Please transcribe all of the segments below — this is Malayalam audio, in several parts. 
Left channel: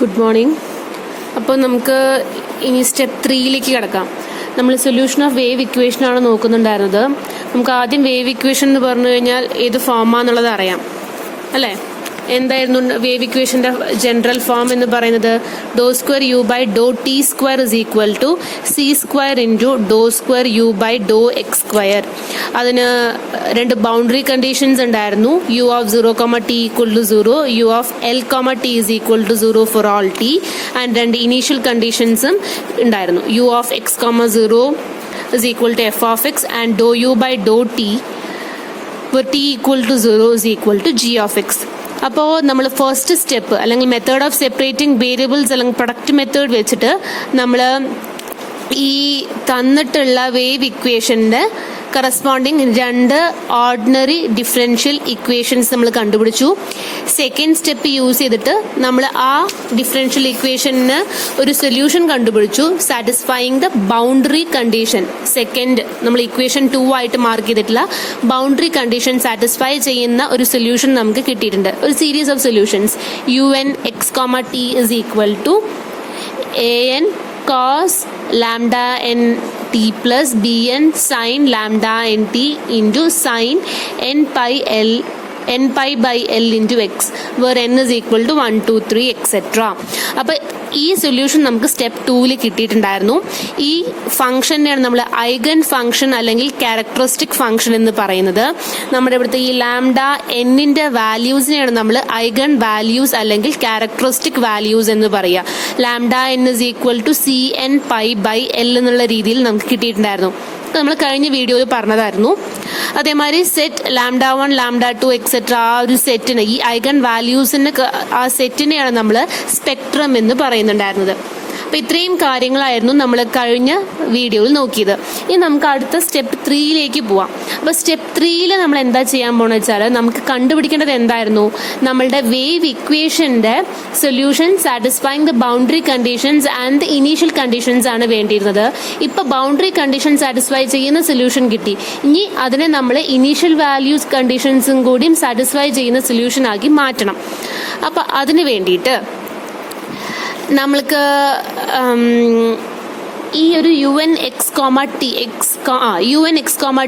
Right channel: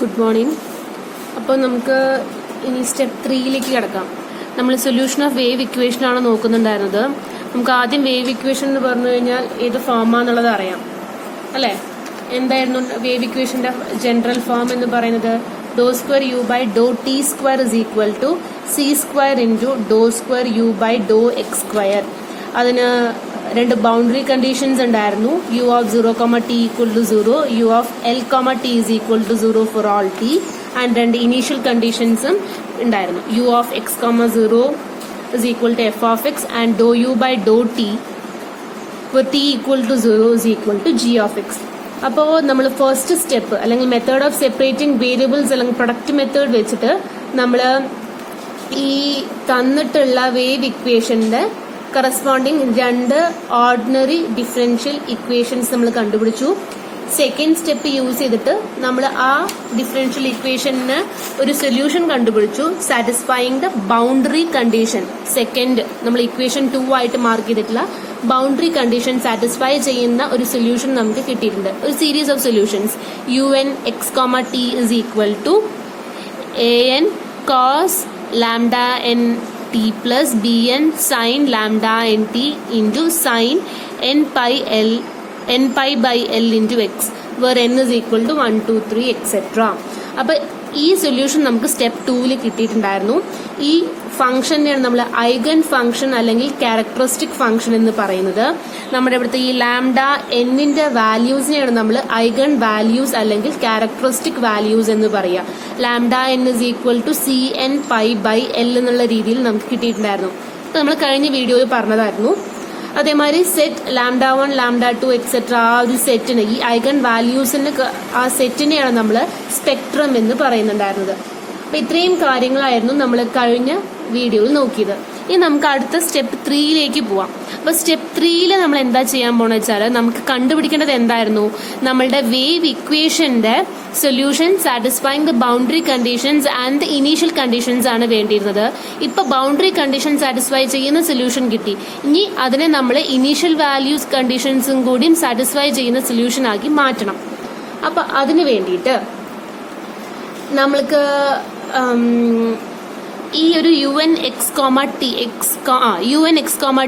Good morning. അപ്പോൾ നമുക്ക് ഇനി സ്റ്റെപ്പ് 3യിലേക്ക് കിടക്കാം. നമ്മൾ സൊല്യൂഷൻ ഓഫ് വേവ് ഇക്വേഷനാണ് നോക്കുന്നുണ്ടായിരുന്നത്. നമുക്ക് ആദ്യം വേവ് ഇക്വേഷൻ എന്ന് പറഞ്ഞു കഴിഞ്ഞാൽ ഏത് ഫോമാന്നുള്ളത് അറിയാം അല്ലേ? എന്തായിരുന്നു വേവ് ഇക്വേഷന്റെ ജനറൽ ഫോം എന്ന് പറയുന്നത്? Doh square u by doh t square is equal to c square into doh square u by doh x square. അതിന് രണ്ട് ബൗണ്ടറി കണ്ടീഷൻസ് ഉണ്ടായിരുന്നു. U of 0, t equal to 0, u of l, t is equal to 0 for all t, and രണ്ട് ഇനീഷ്യൽ കണ്ടീഷൻസും ഉണ്ടായിരുന്നു. U of x, 0 is equal to f of x and dou u by dou t where t equal to 0 is equal to g of x. അപ്പോൾ നമ്മൾ ഫസ്റ്റ് സ്റ്റെപ്പ് അല്ലെങ്കിൽ മെത്തേഡ് ഓഫ് സെപ്പറേറ്റിംഗ് വേരിയബിൾസ് അല്ലെങ്കിൽ പ്രൊഡക്റ്റ് മെത്തേഡ് വെച്ചിട്ട് നമ്മൾ ഈ തന്നിട്ടുള്ള വേവ് ഇക്വേഷന്റെ കറസ്പോണ്ടിങ് രണ്ട് ഓർഡിനറി ഡിഫറൻഷ്യൽ ഇക്വേഷൻസ് നമ്മൾ കണ്ടുപിടിച്ചു. സെക്കൻഡ് സ്റ്റെപ്പ് യൂസ് ചെയ്തിട്ട് നമ്മൾ ആ ഡിഫറൻഷ്യൽ ഇക്വേഷന് ഒരു സൊല്യൂഷൻ കണ്ടുപിടിച്ചു, satisfying the boundary condition. Second നമ്മൾ ഇക്വേഷൻ 2 ആയിട്ട് മാർക്ക് ചെയ്തിട്ടുള്ള ബൗണ്ടറി കണ്ടീഷൻ സാറ്റിസ്ഫൈ ചെയ്യുന്ന ഒരു സൊല്യൂഷൻ നമുക്ക് കിട്ടിയിട്ടുണ്ട്. ഒരു series of solutions. un x, t is equal to an cos lambda n t plus bn sin lambda n t into sin n pi by l into x where n is equal to 1, 2, 3 etc. അപ്പോൾ ഈ സൊല്യൂഷൻ നമുക്ക് സ്റ്റെപ്പ് 2ൽ കിട്ടിയിട്ടുണ്ടായിരുന്നു. ഈ ഫംഗ്ഷനെയാണ് നമ്മൾ ഐഗൺ ഫംഗ്ഷൻ അല്ലെങ്കിൽ ക്യാരക്ടറിസ്റ്റിക് ഫംഗ്ഷൻ എന്ന് പറയുന്നത്. നമ്മുടെ ഇവിടുത്തെ ഈ ലാംഡ എന്നിന്റെ വാല്യൂസിനെയാണ് നമ്മൾ ഐഗൺ വാല്യൂസ് അല്ലെങ്കിൽ ക്യാരക്ടറിസ്റ്റിക് വാല്യൂസ് എന്ന് പറയുക. Lambda n is equal to c n pi by l എന്നുള്ള രീതിയിൽ നമുക്ക് കിട്ടിയിട്ടുണ്ടായിരുന്നു. നമ്മൾ കഴിഞ്ഞ വീഡിയോയിൽ പറഞ്ഞതായിരുന്നു. അതേമാതിരി സെറ്റ് ലാംഡ 1, ലാംഡ 2 എക്സെട്ര ആ ഒരു സെറ്റിന്, ഈ ഐഗൺ വാല്യൂസിന് ആ സെറ്റിനെയാണ് നമ്മൾ സ്പെക്ട്രം എന്ന് പറയുന്നുണ്ടായിരുന്നത്. അപ്പൊ ഇത്രയും കാര്യങ്ങളായിരുന്നു നമ്മൾ കഴിഞ്ഞ വീഡിയോയിൽ നോക്കിയത്. ഇനി നമുക്ക് അടുത്ത സ്റ്റെപ്പ് 3യിലേക്ക് പോവാം. അപ്പൊ സ്റ്റെപ്പ് 3യിൽ നമ്മൾ എന്താ ചെയ്യാൻ പോണെന്ന് വെച്ചാൽ നമുക്ക് കണ്ടുപിടിക്കേണ്ടത് എന്തായിരുന്നു? നമ്മളുടെ വേവ് ഇക്വേഷന്റെ solution satisfying the boundary conditions and the initial conditions ആണ് വേണ്ടിയിരുന്നത്. ഇപ്പൊ ബൗണ്ടറി കണ്ടീഷൻ സാറ്റിസ്ഫൈ ചെയ്യുന്ന സൊല്യൂഷൻ കിട്ടി. ഇനി അതിനെ നമ്മൾ ഇനീഷ്യൽ വാല്യൂസ് കണ്ടീഷൻസും കൂടിയും സാറ്റിസ്ഫൈ ചെയ്യുന്ന സൊല്യൂഷൻ ആക്കി മാറ്റണം. അപ്പൊ അതിന് വേണ്ടിയിട്ട് നമ്മൾക്ക് ഈ ഒരു un x,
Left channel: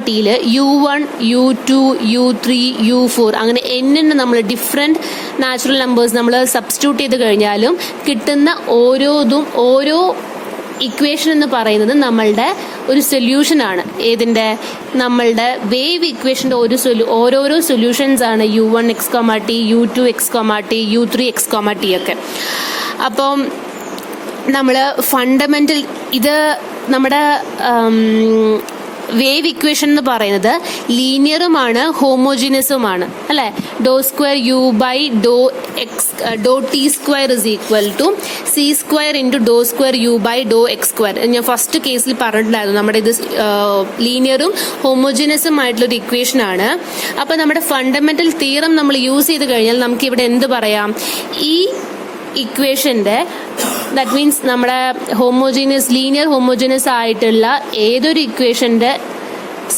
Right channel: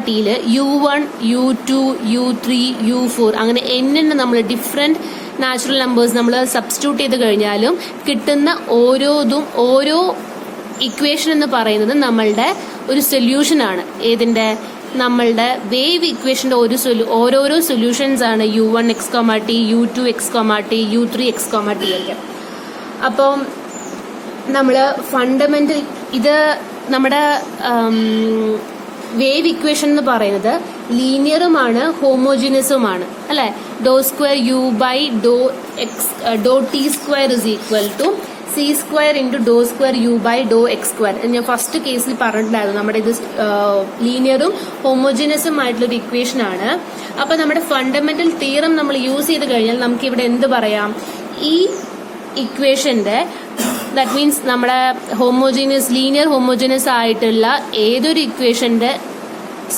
tയില് u1, u2, u3, u4 അങ്ങനെ n നമ്മൾ ഡിഫറെന്റ് നാച്ചുറൽ നമ്പേഴ്സ് നമ്മൾ സബ്സ്റ്റിറ്റ്യൂട്ട് ചെയ്ത് കഴിഞ്ഞാലും കിട്ടുന്ന ഓരോ ഇക്വേഷൻ എന്ന് പറയുന്നത് നമ്മളുടെ ഒരു സൊല്യൂഷൻ ആണ്. ഏതിന്റെ? നമ്മളുടെ വേവ് ഇക്വേഷന്റെ ഓരോരോ സൊല്യൂഷൻസ് ആണ് u1 x, t, u2 x, t, u3 x, t ഒക്കെ. അപ്പം നമ്മൾ ഫണ്ടമെന്റൽ ഇത് നമ്മുടെ വേവ് ഇക്വേഷൻ എന്ന് പറയുന്നത് ലീനിയറുമാണ് ഹോമോജീനിയസുമാണ് അല്ലെ? Doh square u by doh t square is equal to c square into doh square u by doh x square. ഞാൻ ഫസ്റ്റ് കേസിൽ പറഞ്ഞിട്ടുണ്ടായിരുന്നു നമ്മുടെ ഇത് ലീനിയറും ഹോമോജീനിയസും ആയിട്ടുള്ള ഒരു ഇക്വേഷൻ ആണ്. അപ്പൊ നമ്മുടെ ഫണ്ടമെന്റൽ തിയറം നമ്മൾ യൂസ് ചെയ്ത് കഴിഞ്ഞാൽ നമുക്ക് ഇവിടെ എന്ത് പറയാം? ഈ ഇക്വേഷന്റെ ദാറ്റ് മീൻസ് നമ്മുടെ ലീനിയർ ഹോമോജീനിയസ് ആയിട്ടുള്ള ഏതൊരു ഇക്വേഷന്റെ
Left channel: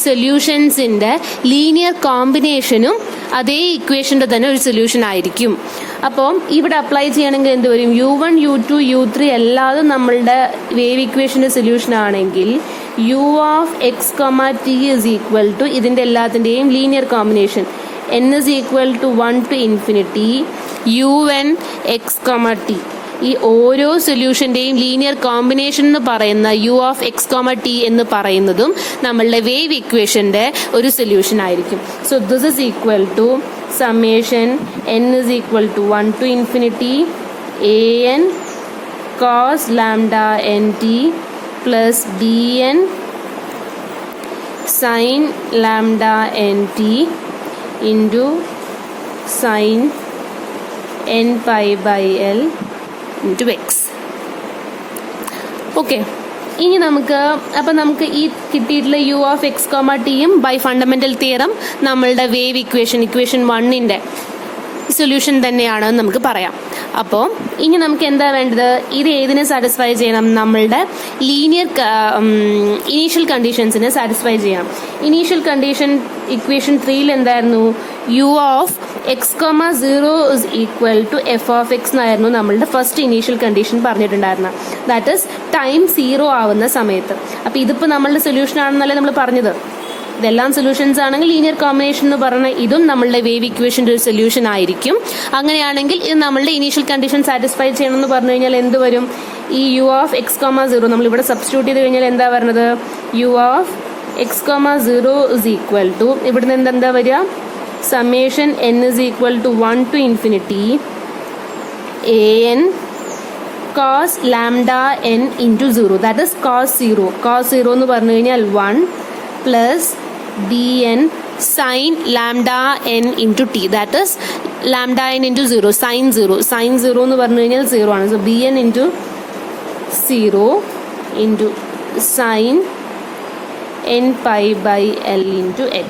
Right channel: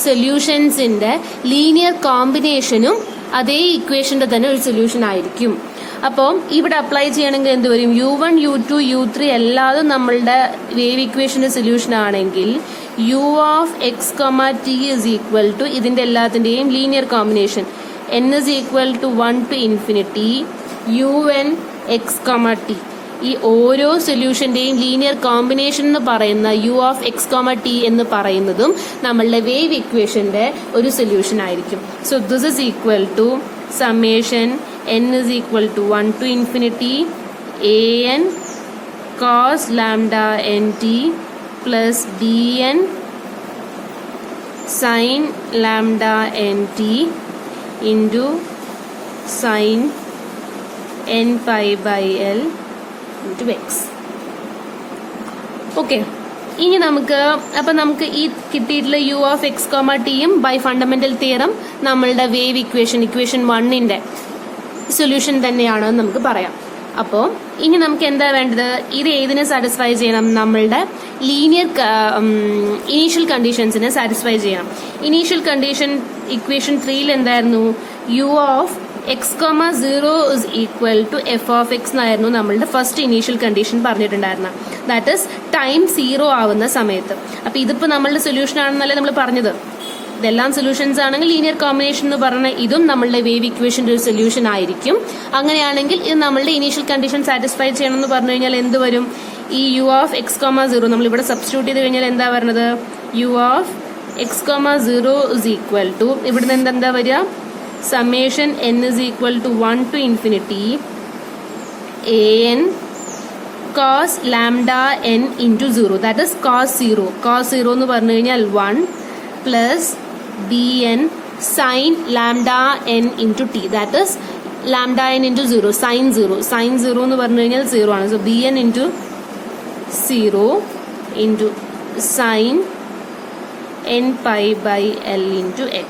സൊല്യൂഷൻസിന്റെ ലീനിയർ കോമ്പിനേഷനും അതേ ഇക്വേഷന്റെ തന്നെ ഒരു സൊല്യൂഷൻ ആയിരിക്കും. അപ്പോൾ ഇവിടെ അപ്ലൈ ചെയ്യണമെങ്കിൽ എന്ത് വരും? u1, u2, u3 എല്ലാതും നമ്മളുടെ വേവ് ഇക്വേഷന്റെ സൊല്യൂഷൻ ആണെങ്കിൽ u of x, t is equal to ഇതിന്റെ എല്ലാത്തിന്റെയും linear combination n is equal to 1 to infinity un x, t. ഈ ഓരോ സൊല്യൂഷന്റെയും ലീനിയർ കോമ്പിനേഷൻ എന്ന് പറയുന്ന u of x, t എന്ന് പറയുന്നതും നമ്മളുടെ വേവ് ഇക്വേഷന്റെ ഒരു സൊല്യൂഷൻ ആയിരിക്കും. So this is equal to summation n is equal to 1 to infinity an cos lambda nt plus bn sin lambda nt into sin n pi by l into x. Okay, ഇനി നമുക്ക് ഈ കിട്ടിയിട്ടുള്ള u of x, tയും ബൈ ഫണ്ടമെന്റൽ തിയറം നമ്മളുടെ വേവ് ഇക്വേഷൻ 1ന്റെ സൊല്യൂഷൻ തന്നെയാണെന്ന് നമുക്ക് പറയാം. അപ്പോൾ ഇനി നമുക്ക് എന്താ വേണ്ടത്? ഇത് ഏതിനെ സാറ്റിസ്ഫൈ ചെയ്യണം? നമ്മളുടെ ലീനിയർ ഇനീഷ്യൽ കണ്ടീഷൻസിനെ സാറ്റിസ്ഫൈ ചെയ്യണം. ഇനീഷ്യൽ കണ്ടീഷൻ ഇക്വേഷൻ 3യിൽ എന്തായിരുന്നു? u of x,0 is equal to f of x എന്നായിരുന്നു നമ്മളുടെ ഫസ്റ്റ് ഇനീഷ്യൽ കണ്ടീഷൻ പറഞ്ഞിട്ടുണ്ടായിരുന്നത്. ദാറ്റ് ഇസ് ടൈം 0 ആവുന്ന സമയത്ത്. അപ്പൊ ഇതിപ്പോ നമ്മളുടെ സൊല്യൂഷൻ ആണെന്നല്ലേ നമ്മൾ പറഞ്ഞത്. ഇതെല്ലാം സൊല്യൂഷൻസ് ആണെങ്കിൽ ലീനിയർ കോമ്പിനേഷൻ എന്ന് പറഞ്ഞ ഇതും നമ്മളുടെ വേവ് ഇക്വേഷന്റെ ഒരു സൊല്യൂഷൻ ആയിരിക്കും. അങ്ങനെയാണെങ്കിൽ ഇത് നമ്മളുടെ ഇനീഷ്യൽ കണ്ടീഷൻ സാറ്റിസ്ഫൈ ചെയ്യണം എന്ന് പറഞ്ഞു കഴിഞ്ഞാൽ എന്ത് വരും? ഈ യു ഓഫ് x,0 നമ്മൾ ഇവിടെ സബ്സ്റ്റിറ്റ്യൂട്ട് ചെയ്ത് കഴിഞ്ഞാൽ എന്താ വരുന്നത്? U of x,0 is equal to ഇവിടെ നിന്ന് എന്താ വരിക? summation n is equal to 1 to infinity an cos lambda n into 0, that is cos 0. cos 0 എന്ന് പറഞ്ഞു കഴിഞ്ഞാൽ 1 plus bn sin lambda n into t, that is lambda n into 0, sin 0. sin 0 എന്ന് പറഞ്ഞു കഴിഞ്ഞാൽ 0 ആണ്. so bn into 0 into sin n pi by l into x,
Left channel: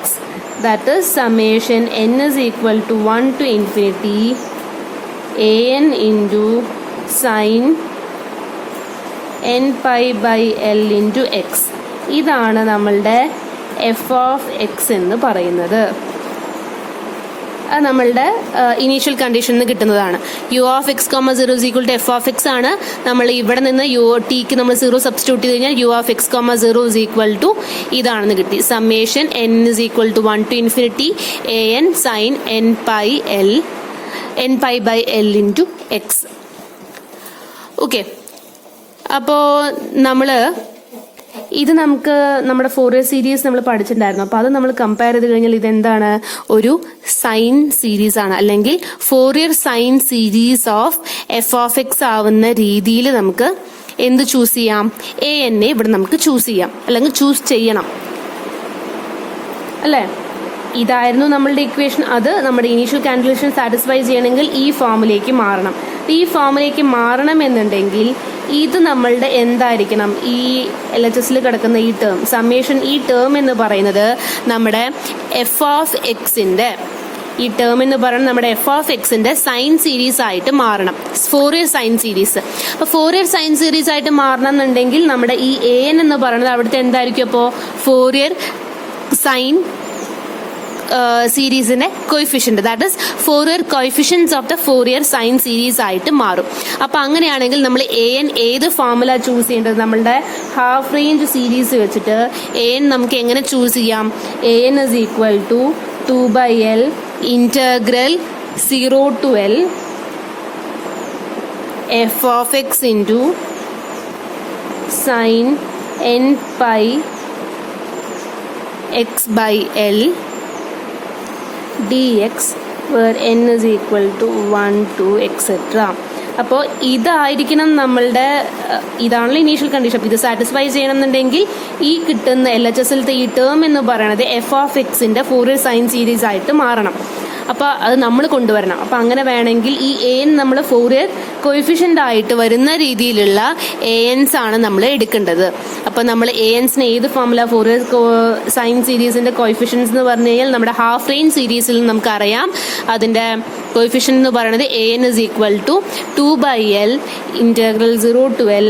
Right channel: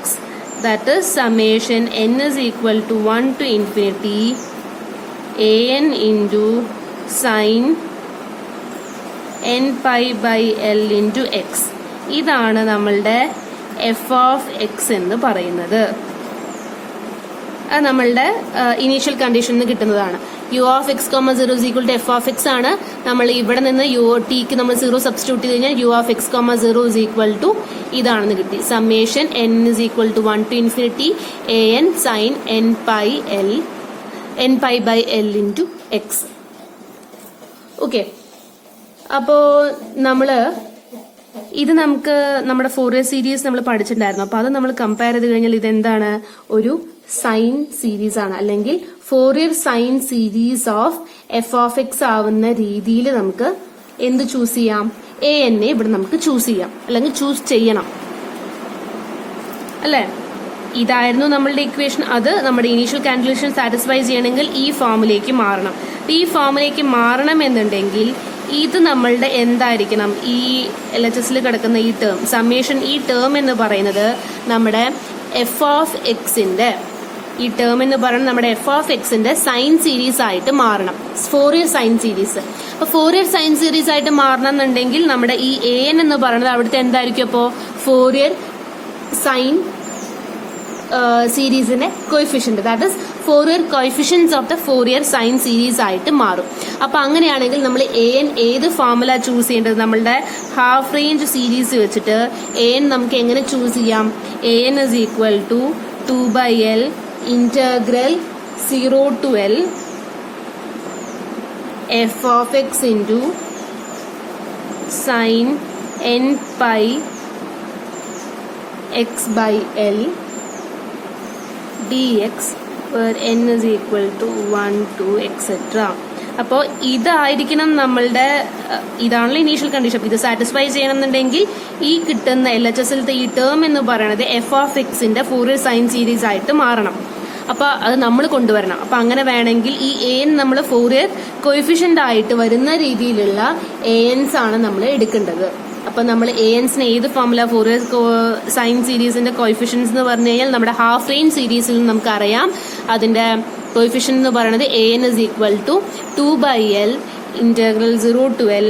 that is summation n is equal to 1 to infinity an into sin n pi by l into x. ഇതാണ് നമ്മളുടെ എഫ് ഓഫ് എക്സ് എന്ന് പറയുന്നത്. അത് നമ്മളുടെ ഇനീഷ്യൽ കണ്ടീഷനിൽ നിന്ന് കിട്ടുന്നതാണ്. U of x,0 is equal to f of x ആണ്. നമ്മൾ ഇവിടെ നിന്ന് ടിക്ക് നമ്മൾ 0 സബ്സ്റ്റിറ്റ്യൂട്ട് ചെയ്ത് കഴിഞ്ഞാൽ u of x,0 is equal to ഇതാണെന്ന് കിട്ടി. Summation n is equal to 1 to infinity an sin n pi by l into x. Okay, അപ്പോൾ നമ്മള് ഇത് നമുക്ക് നമ്മുടെ ഫോറിയർ സീരീസ് നമ്മൾ പഠിച്ചിട്ടുണ്ടായിരുന്നു. അപ്പൊ അത് നമ്മൾ കമ്പയർ ചെയ്ത് കഴിഞ്ഞാൽ ഇതെന്താണ്? ഒരു സൈൻ സീരീസ് ആണ്, അല്ലെങ്കിൽ Fourier sine series of F of X ആവുന്ന രീതിയിൽ നമുക്ക് എന്ത് ചൂസ് ചെയ്യാം? എ എൻ എ ഇവിടെ നമുക്ക് ചൂസ് ചെയ്യാം, അല്ലെങ്കിൽ ചൂസ് ചെയ്യണം, അല്ലേ? ഇതായിരുന്നു നമ്മളുടെ ഇക്വേഷൻ. അത് നമ്മുടെ ഇനീഷ്യൽ കാൽക്കുലേഷൻ സാറ്റിസ്ഫൈ ചെയ്യണമെങ്കിൽ ഈ ഫോമിലേക്ക് മാറണം. ഈ ഫോമിലേക്ക് മാറണം എന്നുണ്ടെങ്കിൽ ഇത് നമ്മളുടെ എന്തായിരിക്കണം? ഈ LHSൽ കിടക്കുന്ന ഈ ടേം സമ്മേഷൻ, ഈ ടേം എന്ന് പറയുന്നത് നമ്മുടെ എഫ് ഓഫ് എക്സിന്റെ, ഈ ടേം എന്ന് പറയുന്നത് നമ്മുടെ എഫ് ഓഫ് എക്സിന്റെ സൈൻ സീരീസ് ആയിട്ട് മാറണം. Fourier sine series. അപ്പൊ ഫോറിയർ സൈൻ സീരീസ് ആയിട്ട് മാറണം എന്നുണ്ടെങ്കിൽ നമ്മുടെ ഈ എ എൻ എന്ന് പറയുന്നത് അവിടുത്തെ എന്തായിരിക്കും? അപ്പോ ഫോറിയർ സൈൻ സീരീസിന്റെ coefficient, that is Fourier coefficients of the Fourier sine series ആയിട്ട് മാറും. അപ്പൊ അങ്ങനെയാണെങ്കിൽ നമ്മൾ എ എൻ ഏത് ഫോർമുല ചൂസ് ചെയ്യേണ്ടത്? നമ്മളുടെ ഹാഫ് റേഞ്ച് സീരീസ് വെച്ചിട്ട് എ എൻ നമുക്ക് എങ്ങനെ ചൂസ് ചെയ്യാം? A n is equal to 2/L integral 0 to L f of x into sine n pi x by L dx where n is equal to 1 to etc. അപ്പോൾ ഇതായിരിക്കണം നമ്മളുടെ, ഇതാണല്ലോ ഇനീഷ്യൽ കണ്ടീഷൻ. ഇത് സാറ്റിസ്ഫൈ ചെയ്യണമെന്നുണ്ടെങ്കിൽ ഈ കിട്ടുന്ന LHSലത്തെ ഈ ടേം എന്ന് പറയുന്നത് എഫ് ഓഫ് എക്സിന്റെ ഫോറിയർ സൈൻ സീരീസ് ആയിട്ട് മാറണം. അപ്പൊ അത് നമ്മൾ കൊണ്ടുവരണം. അപ്പൊ അങ്ങനെ വേണമെങ്കിൽ ഈ എ എൻ നമ്മൾ ഫോറിയർ കോയിഫിഷ്യന്റ് ആയിട്ട് വരുന്ന രീതിയിലുള്ള എ എൻസ് ആണ് നമ്മൾ എടുക്കേണ്ടത്. അപ്പൊ നമ്മൾ എ എൻസിന് ഏത് ഫോർമുല? ഫോറിയർ സൈൻ സീരീസിന്റെ കോയിഫിഷ്യൻസ് എന്ന് പറഞ്ഞു കഴിഞ്ഞാൽ നമ്മുടെ ഹാഫ് റേഞ്ച് സീരീസിൽ നമുക്കറിയാം അതിന്റെ കോയിഫിഷ്യന്റ് എന്ന് പറയുന്നത് a n is equal to 2/L integral 0 to L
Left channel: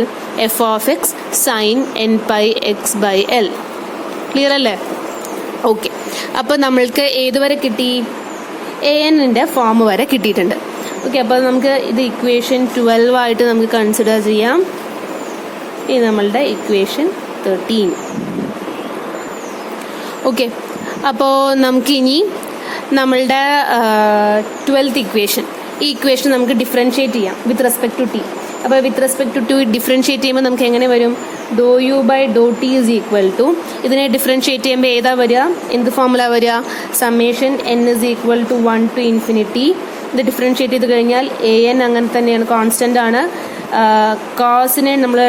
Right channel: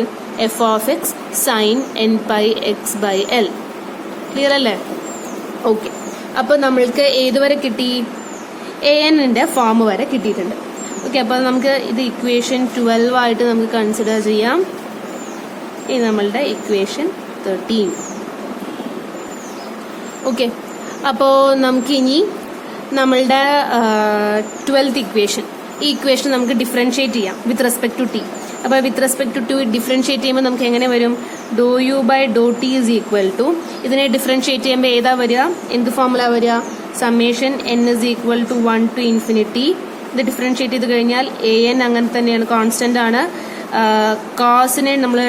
f of x sine n pi x by L. Clear അല്ലേ? ഓക്കെ, അപ്പൊ നമ്മൾക്ക് ഏതുവരെ കിട്ടി? എ എന്നിന്റെ ഫോം വരെ കിട്ടിയിട്ടുണ്ട്. ഓക്കെ, അപ്പോൾ നമുക്ക് ഇത് ഇക്വേഷൻ 12 ആയിട്ട് നമുക്ക് കൺസിഡർ ചെയ്യാം. ഇത് നമ്മളുടെ ഇക്വേഷൻ 13. ഓക്കെ, അപ്പോൾ നമുക്കിനി നമ്മളുടെ 12th ഇക്വേഷൻ, ഈ ഇക്വേഷൻ നമുക്ക് ഡിഫറൻഷിയേറ്റ് ചെയ്യാം വിത്ത് റെസ്പെക്ട് ടു ടി. അപ്പോൾ with respect to t differentiate ചെയ്യുമ്പോൾ നമുക്ക് എങ്ങനെ വരും? Doh u by doh t is equal to, ഇതിനെ ഡിഫറൻഷിയേറ്റ് ചെയ്യുമ്പോൾ ഏതാ വരിക? എന്ത് ഫോർമുല വരിക? Summation n is equal to 1 to infinity. ഇത് ഡിഫറൻഷിയേറ്റ് ചെയ്ത് കഴിഞ്ഞാൽ എ എൻ അങ്ങനെ തന്നെയാണ്, കോൺസ്റ്റന്റ് ആണ്. കോസിനെ നമ്മൾ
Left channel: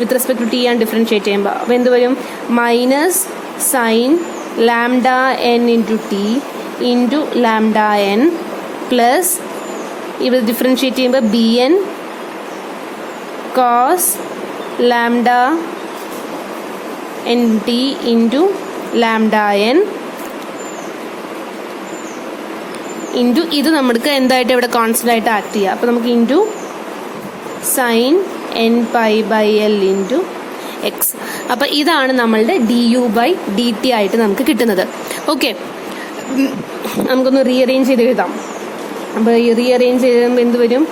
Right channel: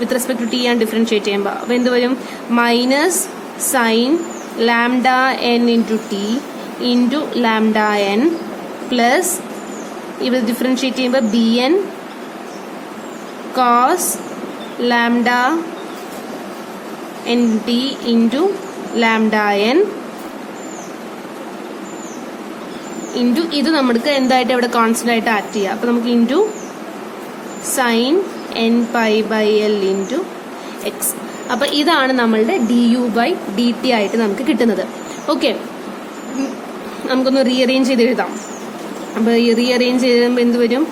വിത്ത് റെസ്പെക്ട് ടു ടി ആണ് ഡിഫറൻഷിയേറ്റ് ചെയ്യുമ്പോൾ. അപ്പോൾ എന്ത് വരും? Minus sine lambda n into t into lambda n plus ഇത് ഡിഫറൻഷിയേറ്റ് ചെയ്യുമ്പോൾ b n cos lambda n t into lambda n into ഇത് നമുക്ക് എന്തായിട്ട് ഇവിടെ കോൺസ്റ്റന്റ് ആയിട്ട് ആക്ട് ചെയ്യാം. അപ്പോൾ നമുക്ക് into sine n pi by L into X. അപ്പം ഇതാണ് നമ്മളുടെ du/dt ആയിട്ട് നമുക്ക് കിട്ടുന്നത്. ഓക്കെ, നമുക്കൊന്ന് റീഅറേഞ്ച് ചെയ്ത് എഴുതാം. അപ്പോൾ റീഅറേഞ്ച് ചെയ്യുമ്പോൾ എന്ത് വരും?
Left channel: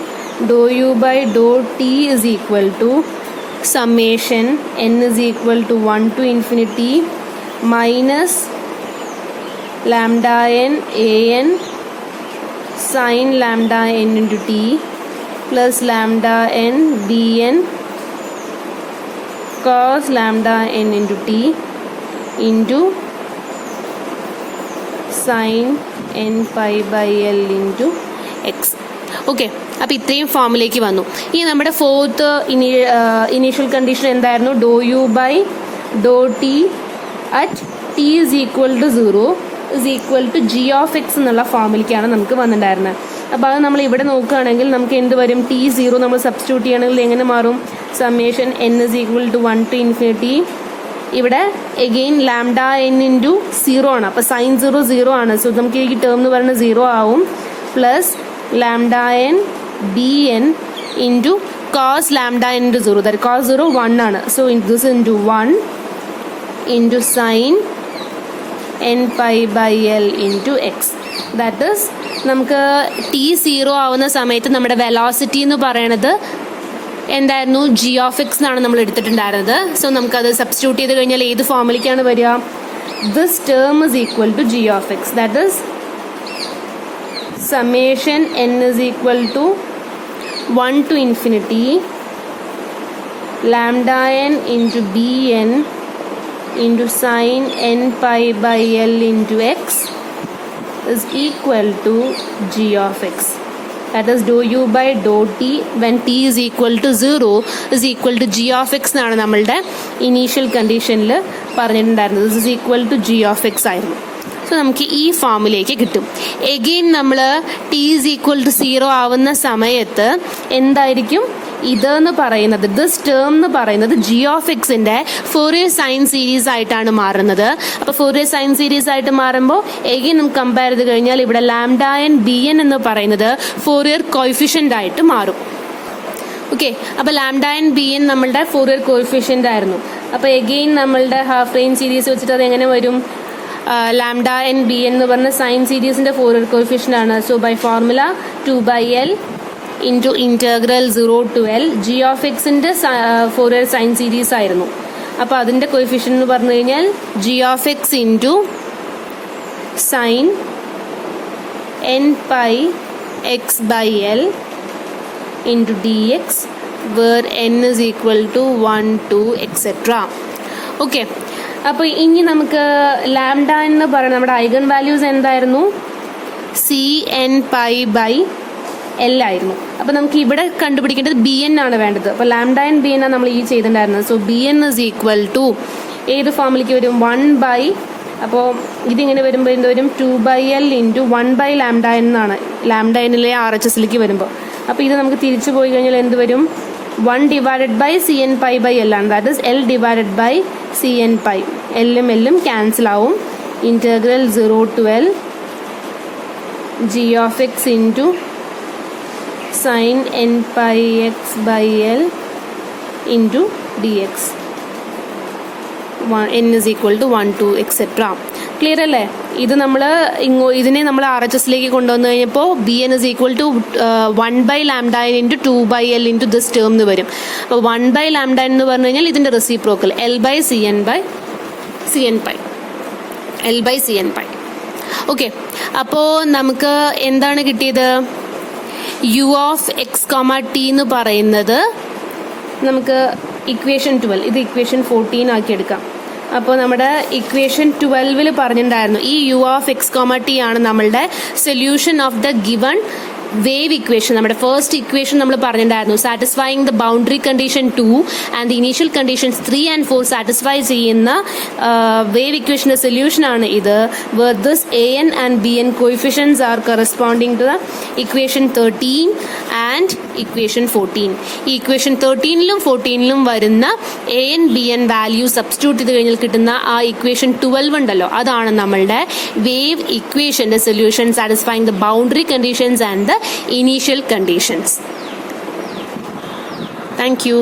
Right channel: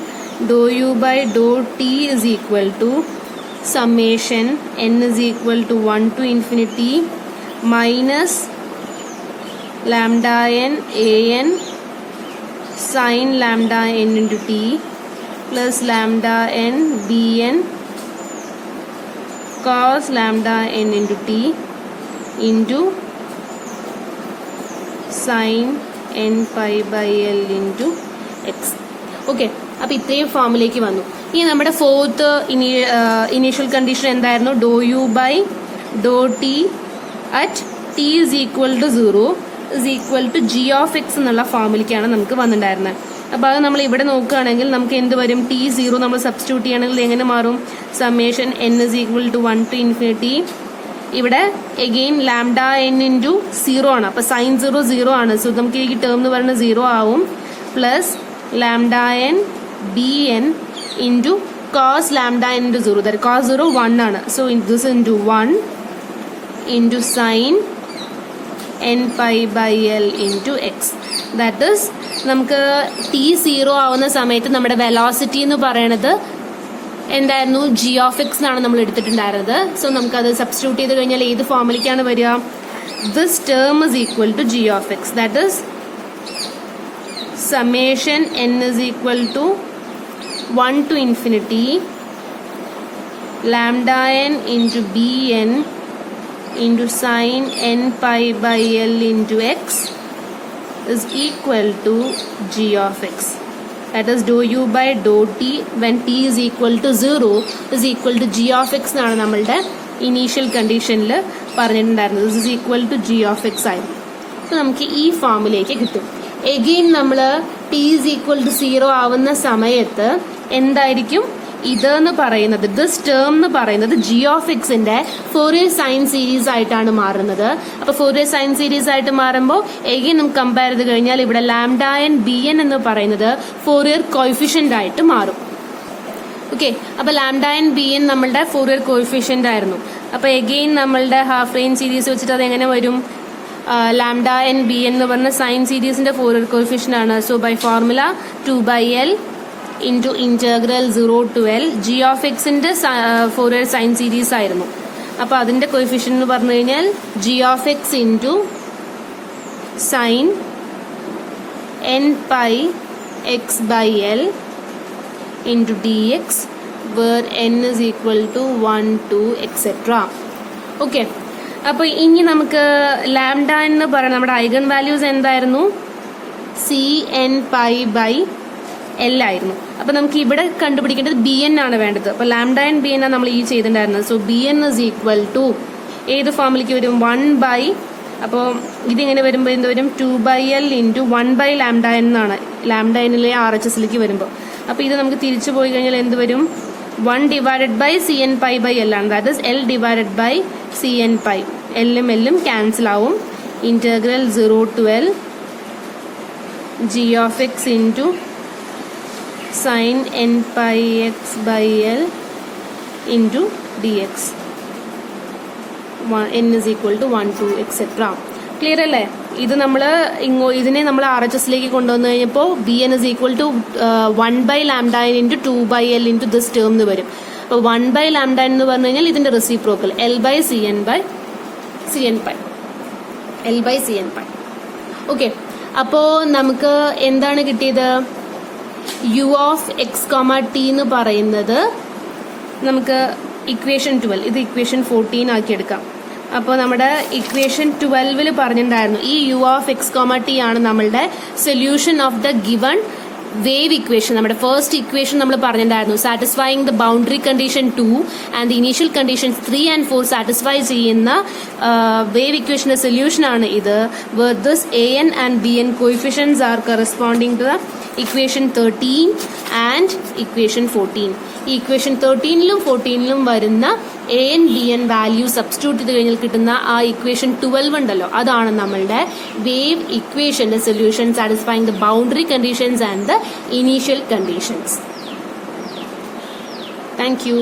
Doh u by doh t is equal to summation n is equal to 1 to infinity minus lambda n an sin lambda n into t plus lambda n bn cos lambda n into t into sin n pi by l into x. Okay, അപ്പോൾ ഇത്രയും ഫോമിലേക്ക് വന്നു. ഇനി നമ്മുടെ ഫോർത്ത് ഇനീഷ്യൽ കണ്ടീഷൻ എന്തായിരുന്നു? Doh u by doh t at t is equal to 0 is equal to g of x എന്നുള്ള ഫോമിലേക്കാണ് നമുക്ക് വന്നിട്ടുണ്ടായിരുന്നത്. അപ്പോൾ അത് നമ്മൾ ഇവിടെ നോക്കുകയാണെങ്കിൽ നമുക്ക് എന്ത് വരും? T0 നമ്മൾ സബ്സ്റ്റിറ്റ്യൂട്ട് ചെയ്യണമെങ്കിൽ എങ്ങനെ മാറും? Summation n is equal to 1 to infinity. ഇവിടെ എഗെയിൻ ലാംഡ n ഇൻറ്റു 0 ആണ്. അപ്പോൾ സൈൻ 0 ആണ്. സോ നമുക്ക് ഈ ടേം എന്ന് പറയുന്നത് 0 ആവും. Plus lambda n bn into cos lambda n into 0. That cos 0 1 ആണ്. So this into 1 into sin n pi by l into x. That is നമുക്ക് t0 ആവുന്ന സമയത്ത് നമ്മുടെ വെലോസിറ്റി എന്ന് പറയുന്നത് എന്തായിരുന്നു? ജി ഓഫ് എക്സ് എന്നാണ് നമ്മൾ എടുത്തിട്ടുണ്ടായിരുന്നത്. സോ നമുക്കത് സബ്സ്റ്റിറ്റ്യൂട്ട് ചെയ്ത് കഴിഞ്ഞാൽ ഏത് ഫോമിലേക്കാണ് വരിക? This term is equal to g of x. That is summation n is equal to 1 to infinity lambda n into bn into sin n pi by l into x is equal to g of x. That is dou u by dou t when t is equal to 0 is equal to g of x എന്നാണ് നമ്മളുടെ ഇനീഷ്യൽ കണ്ടീഷനിൽ പറഞ്ഞിട്ടുണ്ടായിരുന്നത്. This is equal to g of x ആയിരുന്നു. സോ നമുക്ക് ഈ ഫോമിലേക്ക് കിട്ടും. എഗെയിൻ നമ്മൾ ടി ഈസ് ഈക്വൽ ടു 0 ആവുന്ന സമയത്ത് എന്തായിരിക്കും ഇതെന്ന് പറയുന്നത്? ദിസ് ടേം എന്ന് പറയുന്നത് ജി ഓഫ് എക്സിന്റെ ഫോറിയർ സൈൻ സീരീസ് ആയിട്ടാണ് മാറുന്നത്. അപ്പോൾ ഫോറിയർ സൈൻ സീരീസ് ആയിട്ട് മാറുമ്പോൾ എഗെയിൻ നമുക്ക് കമ്പയർ ചെയ്ത് കഴിഞ്ഞാൽ ഇവിടെ ലാംഡ എൻ ബി എൻ എന്ന് പറയുന്നത് ഫോറിയർ കോയിഫിഷ്യന്റ് ആയിട്ട് മാറും. ഓക്കെ, അപ്പോൾ ലാംഡ എൻ ബി എൻ നമ്മളുടെ ഫോറിയർ കോയിഫിഷ്യന്റ് ആയിരുന്നു. അപ്പോൾ എഗെയിൻ നമ്മളുടെ ഹാഫ് റേഞ്ച് സീരീസ് വെച്ചിട്ട് അത് എങ്ങനെ വരും? ലാംഡ എൻ ബി എന്ന് പറഞ്ഞ സൈൻ സീരീസിന്റെ ഫോറിയർ കോയിഫിഷ്യന്റ് ആണ്. So by formula 2 by l into integral 0 to l g of എക്സിന്റെ ഫോറിയർ സൈൻ സീരീസ് ആയിരുന്നു. അപ്പോൾ അതിന്റെ കോയിഫിഷ്യന്റ് എന്ന് പറഞ്ഞു കഴിഞ്ഞാൽ g of x into sine n pi x by l into dx where n is equal to 1, 2, etc. Okay, അപ്പോൾ ഇനി നമുക്ക് ലാംഡ എന്ന് പറയുന്ന നമ്മുടെ ഐഗൺ വാല്യൂസ് എന്തായിരുന്നു? C n pi by l ആയിരുന്നു. അപ്പോൾ നമുക്ക് ഇവിടെ കണ്ടുപിടിക്കേണ്ടത് ബി എൻ ആണ് വേണ്ടത്. അപ്പോൾ ലാംഡ എൻ ബി എൻ ആണ് നമ്മൾ ഈ ചെയ്തിട്ടുണ്ടായിരുന്നത്. So b n is equal to ഏത് ഫോമിലേക്ക് വരും? 1 by, അപ്പോൾ ഇതിങ്ങനെ വരുമ്പോൾ എന്ത് വരും? 2 by l into 1 by lambda N എന്നാണ് ലാംഡ എന്നിലെ RHSലേക്ക് വരുമ്പോൾ. അപ്പോൾ ഇത് നമുക്ക് തിരിച്ചു പോയി കഴിഞ്ഞാൽ എന്ത് വരും? 1 divided by cn pi by l ആണ്. That is l divided by cn pi. എല്ലും എല്ലും ക്യാൻസൽ ആവും. Integral 0 to l g of x into sin n pi x by l into dx. n is equal to 1, 2, etc. Clear അല്ലേ? ഇത് നമ്മൾ ഇതിനെ നമ്മൾ RHSലേക്ക് കൊണ്ടുവന്നു കഴിഞ്ഞപ്പോൾ b n is equal to 1 by lambda n into 2 by l into this term എന്ന് വരും. അപ്പോൾ 1 by ലാംഡ എൻ എന്ന് പറഞ്ഞു കഴിഞ്ഞാൽ ഇതിന്റെ reciprocal l by cn pi. l by cn pi. Okay, അപ്പോൾ നമുക്ക് എന്താണ് കിട്ടിയത്? u of x comma T എന്ന് പറയുന്നത് നമുക്ക് ഇക്വേഷൻ 12, ഇത് ഇക്വേഷൻ 14 ആക്കി എടുക്കാം. അപ്പോൾ നമ്മുടെ ഇക്വേഷൻ 12 പറഞ്ഞിട്ടുണ്ടായിരുന്നു ഈ u of x comma t ആണ് നമ്മളുടെ solution of the given wave equation. നമ്മുടെ ഫസ്റ്റ് ഇക്വേഷൻ നമ്മൾ പറഞ്ഞിട്ടുണ്ടായിരുന്നു satisfying the boundary condition 2 and the initial conditions 3 and 4 satisfy ചെയ്യുന്ന വേവ് ഇക്വേഷന്റെ സൊല്യൂഷൻ ആണ് ഇത്. where this an and bn coefficients are corresponding to the equation 13 and equation 14. ഈ ഇക്വേഷൻ 13ലും 14ലും വരുന്ന an bn വാല്യൂ സബ്സ്റ്റിറ്റ്യൂട്ട് ചെയ്ത് കഴിഞ്ഞാൽ കിട്ടുന്ന ആ ഇക്വേഷൻ 12 ഉണ്ടല്ലോ, അതാണ് നമ്മളുടെ വേവ് ഇക്വേഷന്റെ solution satisfying the boundary conditions and the initial conditions. Thank you.